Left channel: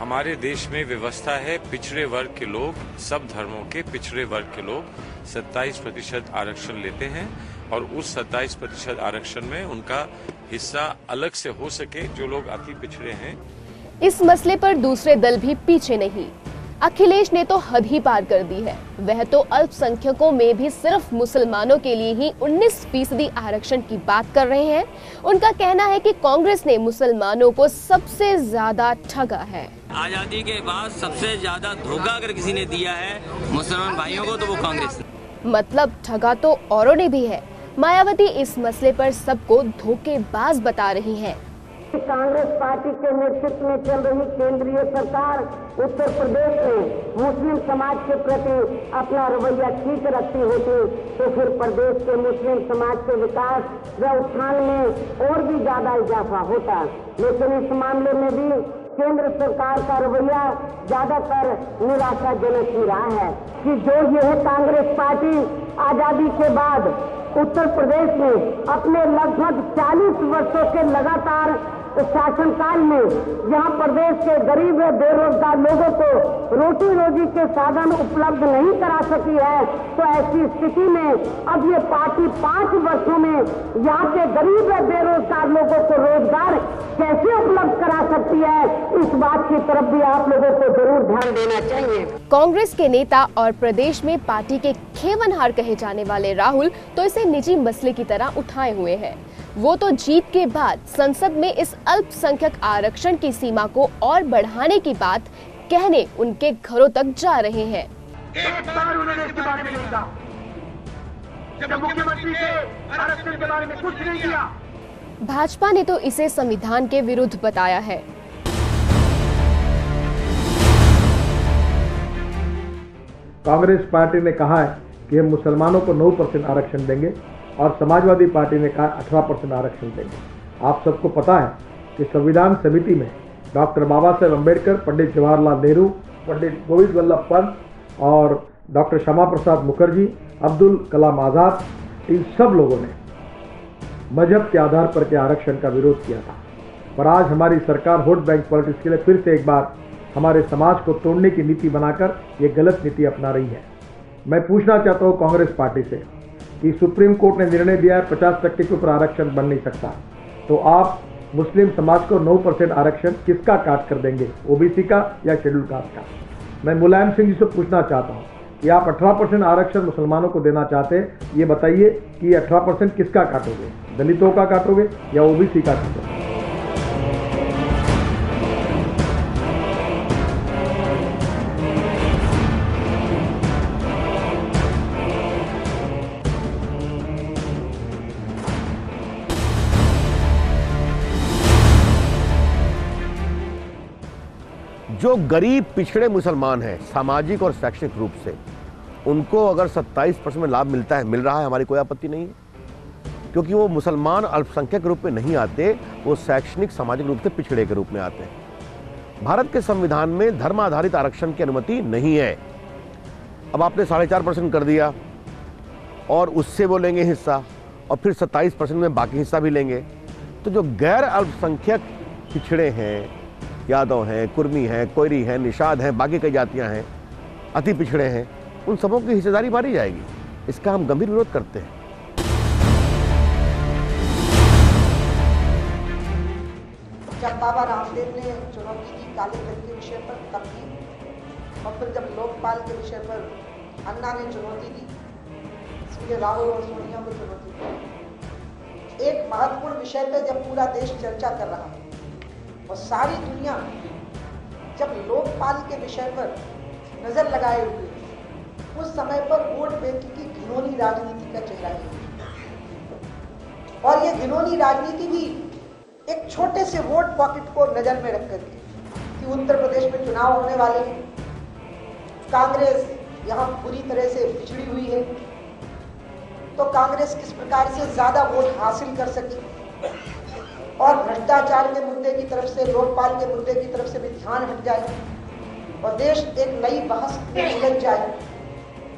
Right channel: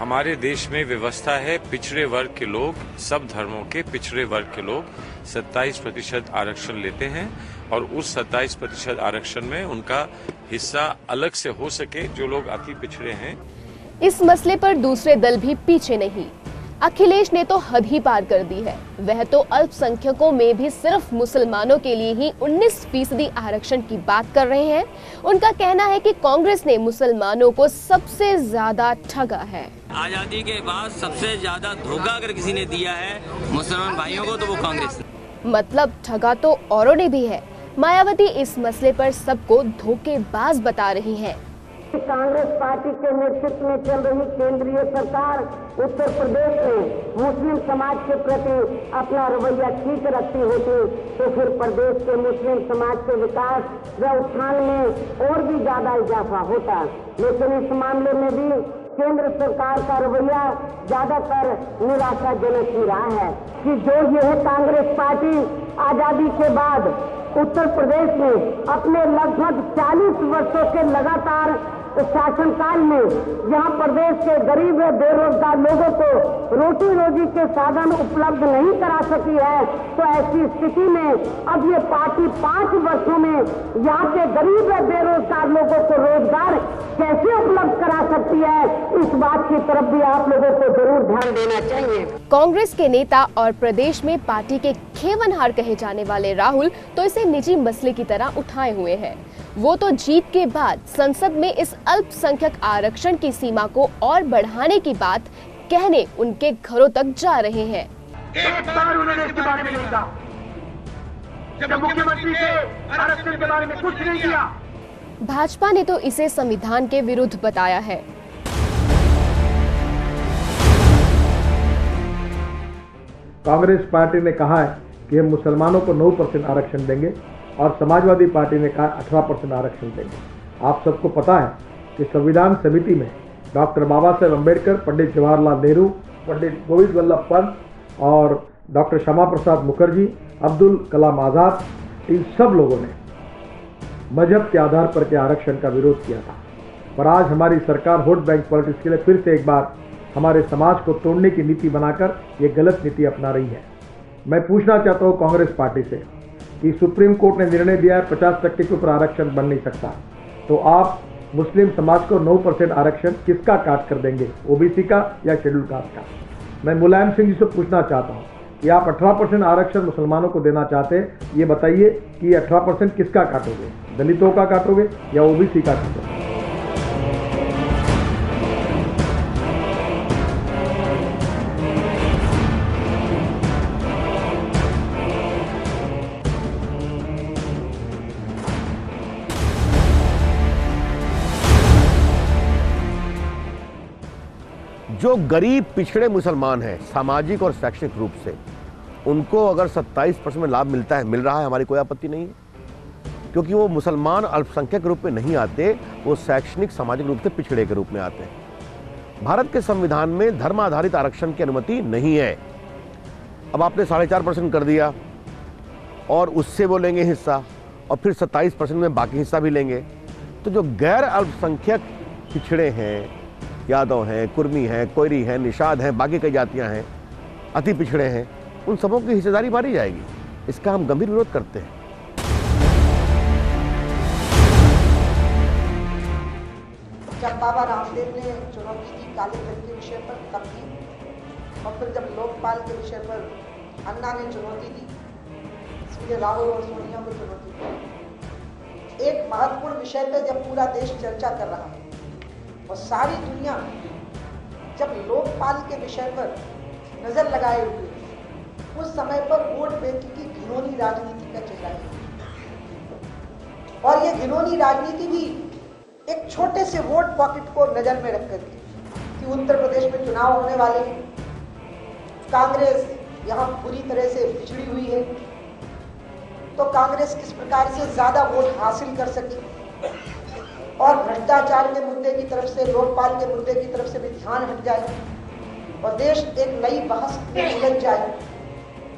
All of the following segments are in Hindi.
हमारे देश में व्यवस्था है, पिछड़े वर्ग के लोग, सब धर्मों के पिछड़े वर्ग के लोग 27% आरक्षण लेते हैं और उस 27% आरक्षण में उनका हिस्सा अलग से हो सके जो लोग अति पिछड़े हैं। आजादी के बाद सबसे ज्यादा धोखा अगर किसी ने दिया है मुसलमान भाइयों को तो वो कांग्रेस ने। कांग्रेस पार्टी के नेतृत्व में चल रही केंद्रीय सरकार उत्तर प्रदेश में मुस्लिम समाज के प्रति अपना रवैया ठीक रखती होती तो फिर प्रदेश के मुस्लिम समाज के विकास व उत्थान में और भी ज्यादा इजाफा होता। लेकिन इस मामले में भी केंद्र सरकार का रवैया ज्यादातर निराशाजनक ही रहा है कि जो यह कांग्रेस पार्टी आजादी के बाद उत्तर प्रदेश में अपने लगभग 40 वर्षों के लगातार शासनकाल में जहां प्रदेश के गरीब व बेरोजगार लोगों को रोटी रोजी के साधन उपलब्ध नहीं करा सकी है, तो ऐसी स्थिति में अब ये पार्टी 5 वर्षों में यहाँ के गरीब व बेरोजगार लोगों को रोजगार कैसे उपलब्ध करा सकती है, इस बात की तरफ भी आप लोगों को जरूर ध्यान देना चाहिए। एक बार उन्होंने इसके बारे में नहीं कहा। जब मुख्यमंत्री थे आरक्षण के बारे में कुछ नहीं किया। कांग्रेस पार्टी ने कहा है कि हम मुसलमानों को 9% आरक्षण देंगे और समाजवादी पार्टी ने कहा 18% आरक्षण देंगे। आप सबको पता है कि संविधान समिति में डॉक्टर बाबा साहेब अम्बेडकर, पंडित जवाहरलाल नेहरू, पंडित गोविंद वल्लभ पंत और डॉक्टर श्यामा प्रसाद मुखर्जी, अब्दुल कलाम आज़ाद, इन सब लोगों ने मजहब के आधार पर के आरक्षण का विरोध किया था। पर आज हमारी सरकार वोट बैंक पॉलिटिक्स के लिए फिर से एक बार हमारे समाज को तोड़ने की नीति बनाकर ये गलत नीति अपना रही है। मैं पूछना चाहता हूँ कांग्रेस पार्टी से कि सुप्रीम कोर्ट ने निर्णय दिया है 50% के ऊपर आरक्षण बन नहीं सकता, तो आप मुस्लिम समाज को 9% आरक्षण किसका काट कर देंगे, ओबीसी का या शेड्यूल कास्ट का? मैं मुलायम सिंह जी से पूछना चाहता हूँ कि आप 18% आरक्षण मुसलमानों को देना चाहते हैं, ये बताइए कि 18% किसका काटोगे, दलितों का काटोगे या ओबीसी का काटोगे? जो गरीब पिछड़े मुसलमान हैं सामाजिक और शैक्षणिक रूप से, उनको अगर 27% में लाभ मिल रहा है, हमारी कोई आपत्ति नहीं है, क्योंकि वो मुसलमान अल्पसंख्यक के रूप में नहीं आते, वो शैक्षणिक सामाजिक रूप से पिछड़े के रूप में आते हैं। भारत के संविधान में धर्म आधारित आरक्षण की अनुमति नहीं है। अब आपने 4.5% कर दिया और उससे वो लेंगे हिस्सा और फिर 27% में बाकी हिस्सा भी लेंगे, तो जो गैर अल्पसंख्यक पिछड़े हैं, यादव हैं, कुर्मी हैं, कोयरी हैं, निषाद हैं, बाकी कई जातियां हैं, अति पिछड़े हैं, उन सबों की हिस्सेदारी मारी जाएगी। इसका हम गंभीर विरोध करते हैं। जब बाबा रामदेव ने चुनौती दी काले धन के विषय पर तब दी, और फिर जब लोकपाल के विषय पर अन्ना ने चुनौती दी, इसलिए राहुल और सोनिया को चुनौती दी। एक महत्वपूर्ण विषय पर जब पूरा देश चर्चा कर रहा है और सारी दुनिया जब लोकपाल के विषय पर नजर लगाए हुए, उस समय पर वोट बैंक की घिनौनी राजनीति का चेहरा है। और ये घिनौनी राजनीति भी एक छोटे से वोट पॉकेट को नजर में रखकर कि उत्तर प्रदेश में चुनाव होने वाले हैं, कांग्रेस यहाँ पूरी तरह से पिछड़ी हुई है, तो कांग्रेस किस प्रकार से ज्यादा वोट हासिल कर सके और भ्रष्टाचार के मुद्दे की तरफ से, लोकपाल के मुद्दे की तरफ से भी ध्यान हट जाए और देश एक नई बहस में उलझ जाए।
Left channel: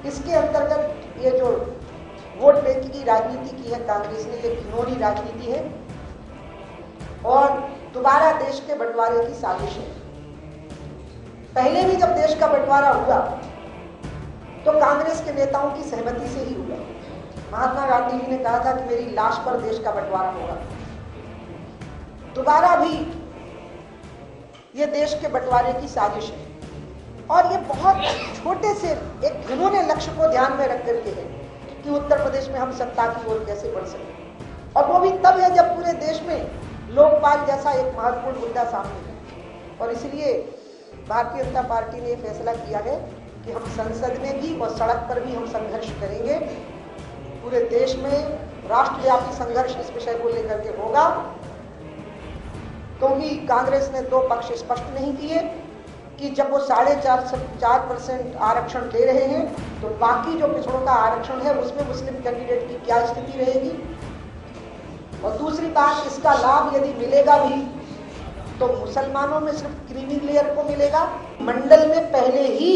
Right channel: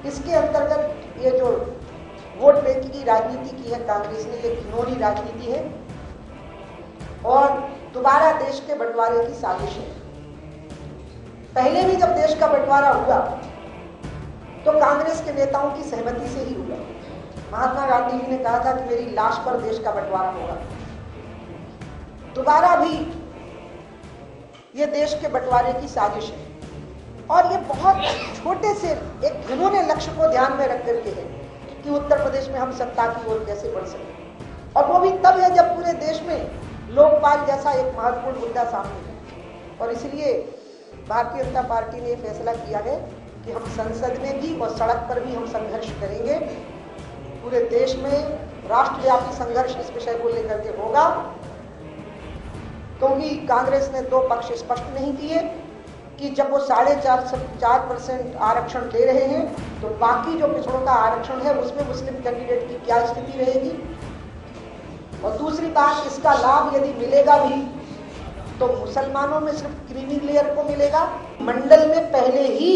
इसके अंतर्गत ये जो वोट बैंक की राजनीति की है कांग्रेस ने, ये घिनौनी राजनीति है और दोबारा देश के बंटवारे की साजिश है। पहले भी जब देश का बंटवारा हुआ तो कांग्रेस के नेताओं की सहमति से ही हुआ। महात्मा गांधी जी ने कहा था कि मेरी लाश पर देश का बंटवारा होगा। दोबारा भी ये देश के बंटवारे की साजिश है और ये बहुत छोटे से एक घिनौने लक्ष्य को ध्यान में रख करके है कि उत्तर प्रदेश में हम सत्ता की ओर कैसे बढ़ सकें, और वो भी तब है जब पूरे देश में लोकपाल जैसा एक महत्वपूर्ण मुद्दा सामने है। और इसलिए भारतीय जनता पार्टी ने फैसला किया है कि हम संसद में भी और सड़क पर भी हम संघर्ष करेंगे। पूरे देश में राष्ट्रव्यापी संघर्ष इस विषय को लेकर के होगा, क्योंकि कांग्रेस ने दो पक्ष स्पष्ट नहीं किए कि जब वो 4.5% आरक्षण दे रहे हैं तो बाकी जो पिछड़ों का आरक्षण है उसमें मुस्लिम कैंडिडेट की क्या स्थिति रहेगी। और दूसरी बात, इसका लाभ यदि मिलेगा भी तो मुसलमानों में सिर्फ क्रीमी लेयर को मिलेगा। मंडल में पहले ही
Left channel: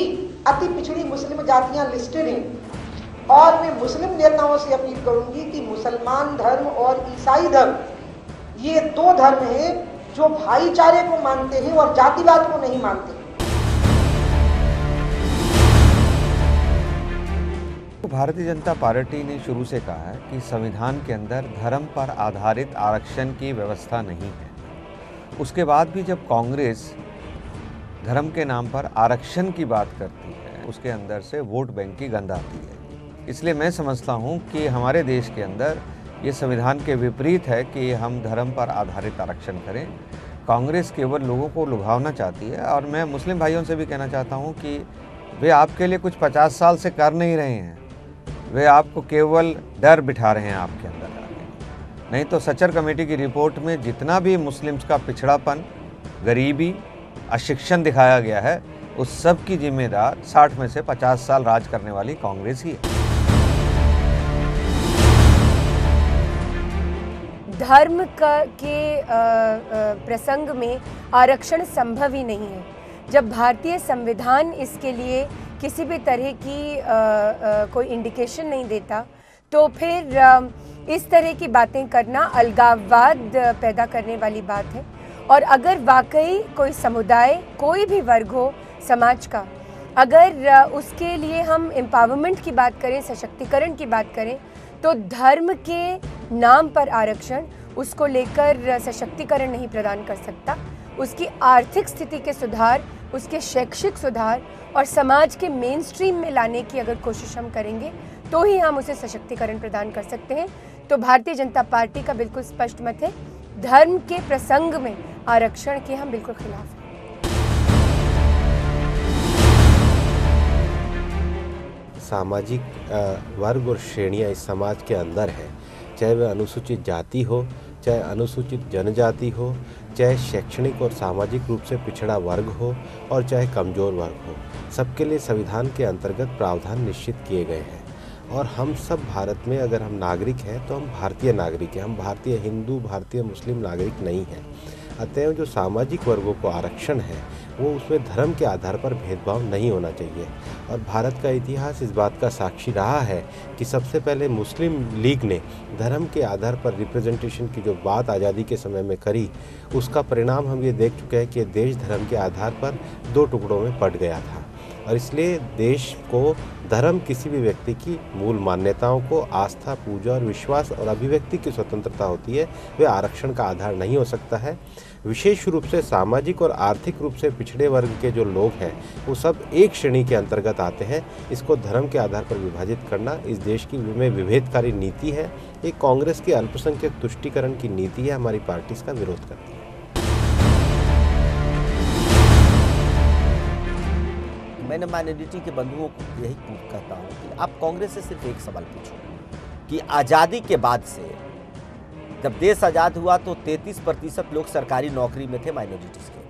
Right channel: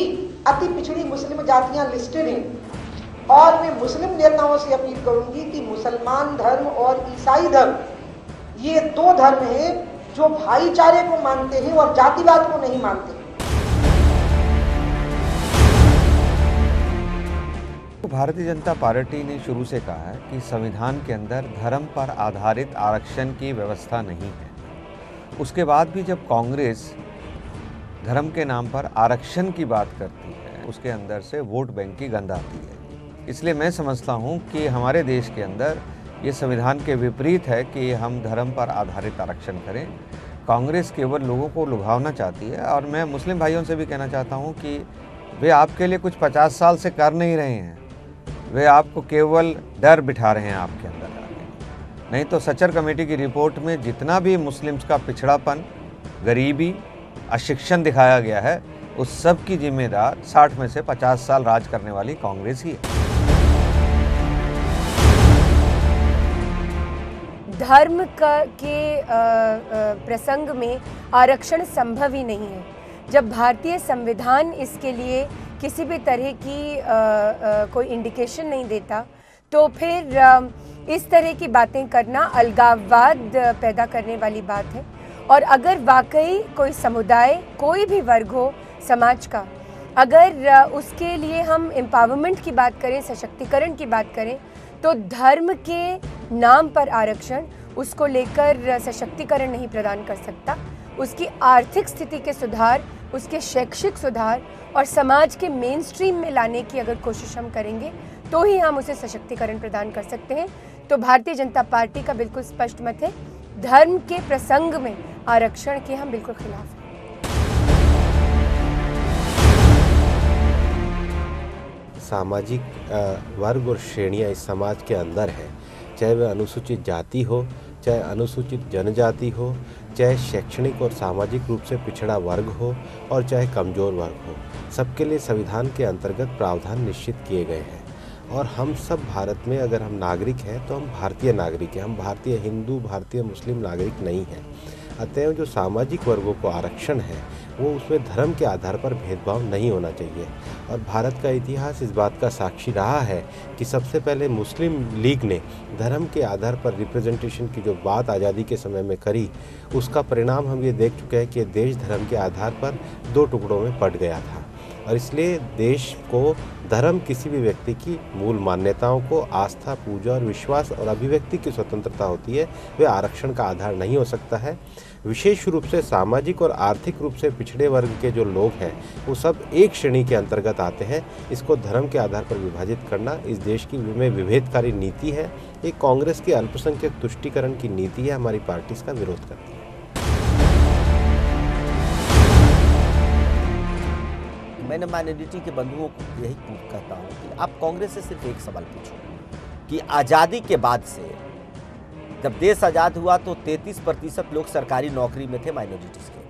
अति पिछड़ी मुस्लिम जातियां लिस्टेड हैं और मैं मुस्लिम नेताओं से अपील करूंगी कि मुसलमान धर्म और ईसाई धर्म ये दो धर्म हैं जो भाईचारे को मानते हैं और जातिवाद को नहीं मानते। भारतीय जनता पार्टी ने शुरू से कहा है कि संविधान के अंदर धर्म पर आधारित आरक्षण की व्यवस्था नहीं है। उसके बाद भी जब कांग्रेस धर्म के नाम पर आरक्षण की बात करती है, उसके अंदर से वोट बैंक की गंध आती है। इसलिए मैं समझता हूं कि हमारे देश के अंदर ये संविधान के विपरीत है कि हम धर्म पर आधारित आरक्षण करें। कांग्रेस केवल लोगों को लुभावना चाहती है और मैं मुस्लिम भाइयों से भी कहना चाहता हूं कि वे आपके लिए कुछ 50 साल से कर नहीं रहे हैं, वे आपको केवल डर बिठा रहे हैं आपके अंदर। नहीं तो सचर कमेटी की रिपोर्ट में जितना भी मुस्लिम्स का पिछड़ापन, गरीबी, अशिक्षण दिखाया गया है, उस सब की जिम्मेदार 60 में से 50 साल राज करने वाली कांग्रेस ही है। धर्म के प्रसंग में आरक्षण संभव ही नहीं है। जब भारतीय संविधान इसके लिए किसी भी तरह की कोई इंडिकेशन नहीं देता तो फिर इस तरह की बातें करना अलगाववाद पैदा करने वाली बात है। और अगर वाकई कोई समुदाय, कोई भी वर्ग हो समाज का, अगर उसके लिए हम एम्पावरमेंट की बात करें, सशक्तिकरण की बात करें, तो धर्म के नाम पर आरक्षण उसको लेकर सशक्तिकरण नहीं प्रदान कर सकता। उसकी आर्थिक स्थिति के सुधार, उसके शैक्षिक सुधार और समाज के मेन स्ट्रीम में लाने की अगर कोशिश हम करेंगे तो ही हम उसे सशक्तिकरण प्रदान कर सकते हैं। तो भारतीय जनता पार्टी का बिल्कुल स्पष्ट मत है, धर्म के प्रसंग में आरक्षण के हम बिल्कुल खिलाफ हैं। सामाजिक वर्ग और श्रेणियां इस समाज के अंदर है, चाहे वह अनुसूचित जाति हो, चाहे अनुसूचित जनजाति हो, चाहे शैक्षणिक और सामाजिक रूप से पिछड़ा वर्ग हो और चाहे कमज़ोर वर्ग हो, सबके लिए संविधान के अंतर्गत प्रावधान निश्चित किए गए हैं। और हम सब भारत में अगर हम नागरिक हैं तो हम भारतीय नागरिक हैं, हम भारतीय हिंदू, भारतीय मुस्लिम नागरिक नहीं हैं। अतएव जो सामाजिक वर्गों को आरक्षण है वो उसमें धर्म के आधार पर भेदभाव नहीं होना चाहिए। और भारत का इतिहास इस बात का साक्षी रहा है कि सबसे पहले मुस्लिम लीग ने धर्म के आधार पर रिप्रेजेंटेशन की जो बात आज़ादी के समय में करी, उसका परिणाम हम ये देख चुके हैं कि देश धर्म के आधार पर दो टुकड़ों में बंट गया था। और इसलिए देश को धर्म किसी भी व्यक्ति की मूल मान्यताओं को, आस्था, पूजा और विश्वास और अभिव्यक्ति की स्वतंत्रता होती है, वे आरक्षण का आधार नहीं हो सकता है। विशेष रूप से सामाजिक और आर्थिक रूप से पिछड़े वर्ग के जो लोग हैं वो सब एक श्रेणी के अंतर्गत आते हैं। इसको धर्म के आधार पर विभाजित करना इस देश की में विभेदकारी नीति है। ये कांग्रेस की अल्पसंख्यक तुष्टीकरण की नीति है। हमारी पार्टी इसका विरोध करती है। मैंने माइनॉरिटी के बंधुओं को यही कहता हूँ कि आप कांग्रेस से सिर्फ एक सवाल पूछो कि आज़ादी के बाद से जब देश आज़ाद हुआ तो 33% लोग सरकारी नौकरी में थे माइनॉरिटीज़ के,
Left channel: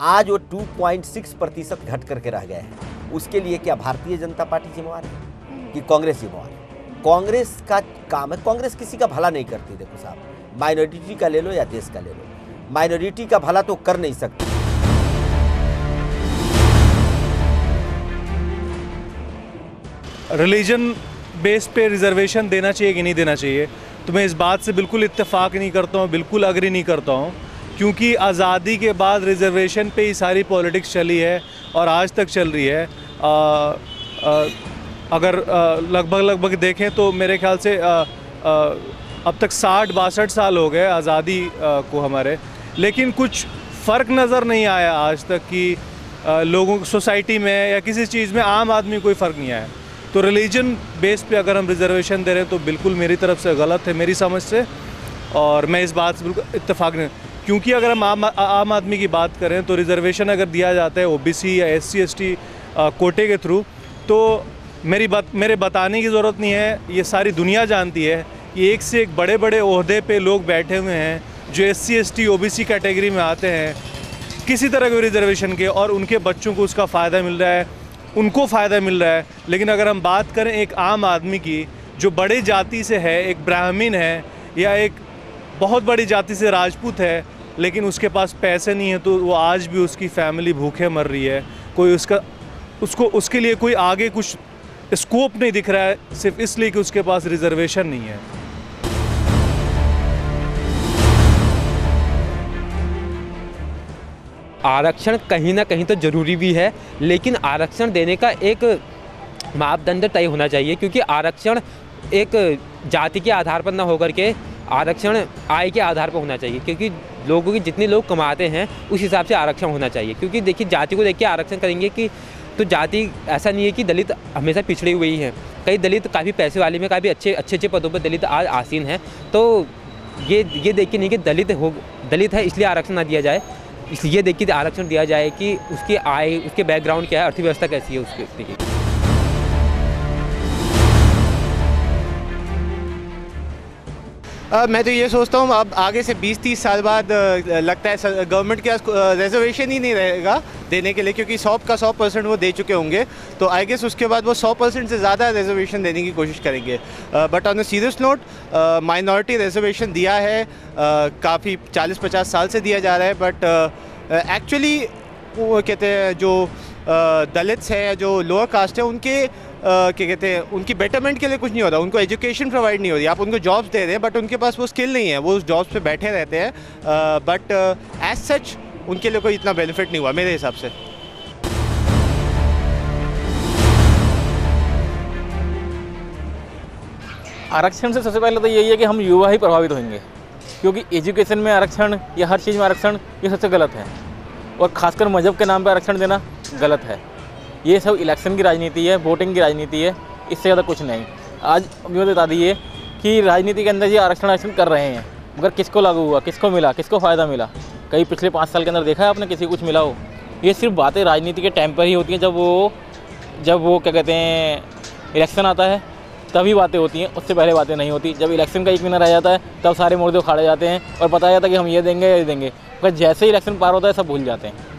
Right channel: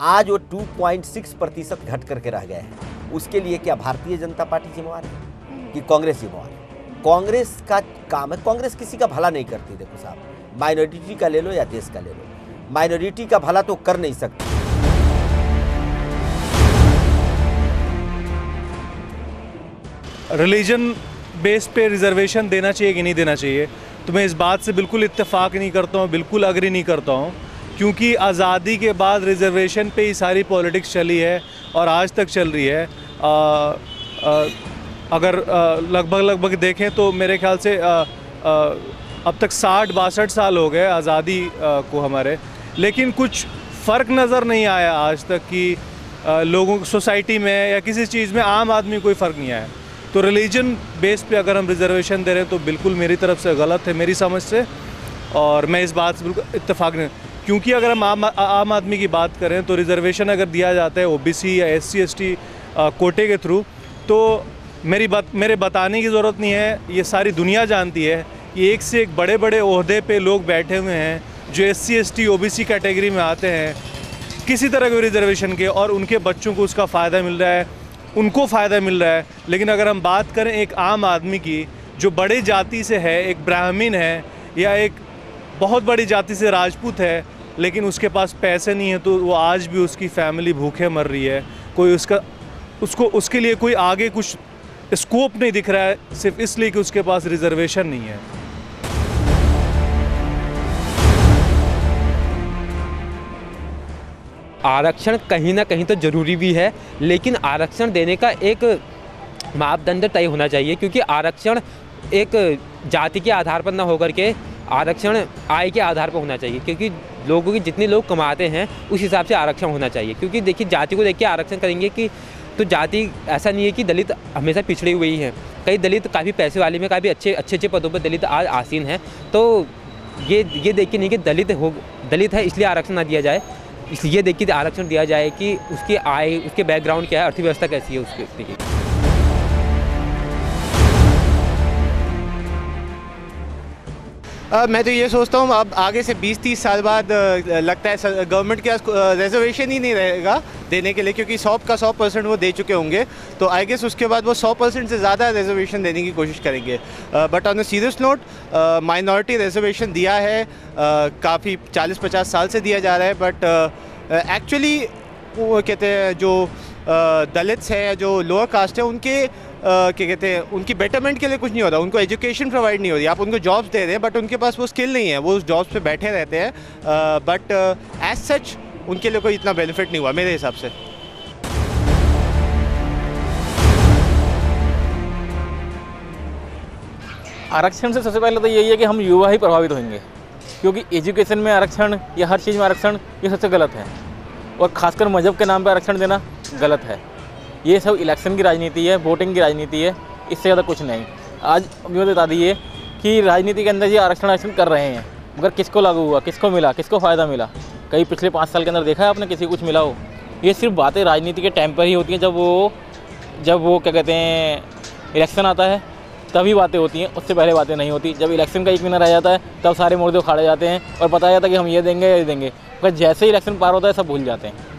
आज वो 2.6% घट करके रह गए हैं। उसके लिए क्या भारतीय जनता पार्टी जिम्मेवार है कि कांग्रेस जिम्मेवार है? कांग्रेस का काम है, कांग्रेस किसी का भला नहीं करती। देखो साहब, माइनॉरिटी का ले लो या देश का ले लो, माइनॉरिटी का भला तो कर नहीं सकती। रिलीजन बेस पे रिजर्वेशन देना चाहिए कि नहीं देना चाहिए, तो मैं इस बात से बिल्कुल इत्तेफाक नहीं करता हूँ, बिल्कुल अग्री नहीं करता हूँ क्योंकि आज़ादी के बाद रिजर्वेशन पे ही सारी पॉलिटिक्स चली है और आज तक चल रही है। अगर लगभग देखें तो मेरे ख्याल से अब तक 60-62 साल हो गए आज़ादी को हमारे, लेकिन कुछ फ़र्क नज़र नहीं आया आज तक कि लोगों सोसाइटी में या किसी चीज़ में आम आदमी कोई फ़र्क नहीं आया। तो रिलीजन बेस पे अगर हम रिजर्वेशन दे रहे हैं तो बिल्कुल मेरी तरफ से गलत है, मेरी समझ से, और मैं इस बात से बिल्कुल इत्तेफाक नहीं, क्योंकि अगर हम आम आदमी की बात करें तो रिजर्वेशन अगर दिया जाता है ओबीसी या SC ST कोटे के थ्रू, तो मेरे बताने की ज़रूरत नहीं है, ये सारी दुनिया जानती है कि एक से एक बड़े बड़े ओहदे पे लोग बैठे हुए हैं जो SC ST OBC कैटेगरी में आते हैं किसी तरह के रिजर्वेशन के, और उनके बच्चों को उसका फ़ायदा मिल रहा है, उनको फ़ायदा मिल रहा है। लेकिन अगर हम बात करें एक आम आदमी की जो बड़ी जाति से है, एक ब्राह्मण है या एक बहुत बड़ी जाति से राजपूत है, लेकिन उसके पास पैसे नहीं है, तो वो आज भी उसकी फैमिली भूखे मर रही है, कोई उसके लिए कोई आगे कुछ स्कोप नहीं दिख रहा है, सिर्फ इसलिए कि उसके पास रिजर्वेशन नहीं है। आरक्षण कहीं ना कहीं तो ज़रूरी भी है, लेकिन आरक्षण देने का एक मापदंड तय होना चाहिए, क्योंकि आरक्षण एक जाति के आधार पर ना होकर के आरक्षण आय के आधार पर होना चाहिए, क्योंकि लोगों की जितने लोग कमाते हैं उस हिसाब से आरक्षण होना चाहिए। क्योंकि देखिए जाति को देख के आरक्षण करेंगे कि तो जाति ऐसा नहीं है कि दलित हमेशा पिछड़ी हुई है, कई दलित काफ़ी पैसे वाले में काफ़ी अच्छे पदों पर दलित आज आसीन हैं। तो ये देख के नहीं कि दलित है इसलिए आरक्षण ना दिया जाए, इसलिए ये देख के आरक्षण दिया जाए कि उसकी आय, उसके बैकग्राउंड क्या है, अर्थव्यवस्था कैसी है उस व्यक्ति की। मैं तो ये सोचता हूँ अब आगे से 20-30 साल बाद लगता है गवर्नमेंट के पास रिजर्वेशन ही नहीं रहेगा देने के लिए, क्योंकि 100% वो दे चुके होंगे। तो आई गेस उसके बाद वो 100% से ज़्यादा रिजर्वेशन देने की कोशिश करेंगे। But on a serious note, minority reservation दिया है, काफ़ी 40-50 साल से दिया जा रहा है, बट एक्चुअली वो कहते हैं जो दलित्स हैं, जो लोअर कास्ट है, उनके क्या कहते हैं, उनकी बेटरमेंट के लिए कुछ नहीं हो रहा, उनको एजुकेशन प्रोवाइड नहीं हो रही। आप उनको जॉब्स दे रहे हैं बट उनके पास वो स्किल नहीं है, वो उस जॉब्स पे बैठे रहते हैं, बट एज सच उनके लिए कोई इतना बेनिफिट नहीं हुआ मेरे हिसाब से। आरक्षण से सबसे पहले तो यही है कि हम युवा ही प्रभावित होंगे, क्योंकि एजुकेशन में आरक्षण या हर चीज़ में आरक्षण ये सबसे गलत है, और ख़ासकर मज़हब के नाम पर आरक्षण देना गलत है। ये सब इलेक्शन की राजनीति है, वोटिंग की राजनीति है, इससे ज़्यादा कुछ नहीं। आज ये बता दिए कि राजनीति के अंदर ये आरक्षण कर रहे हैं, मगर किसको लागू हुआ, किसको मिला, किसको फ़ायदा मिला? कहीं पिछले 5 साल के अंदर देखा है आपने किसी को कुछ मिला हो? ये सिर्फ बातें राजनीति के टाइम पर ही होती हैं, जब वो क्या कहते हैं इलेक्शन आता है तभी बातें होती हैं, उससे पहले बातें नहीं होती। जब इलेक्शन का 1 महीना रह जाता है तब सारे मुर्दे उखाड़े जाते हैं और बताया जाता है कि हम ये देंगे, ये देंगे, पर जैसे ही इलेक्शन पार होता है सब भूल जाते हैं।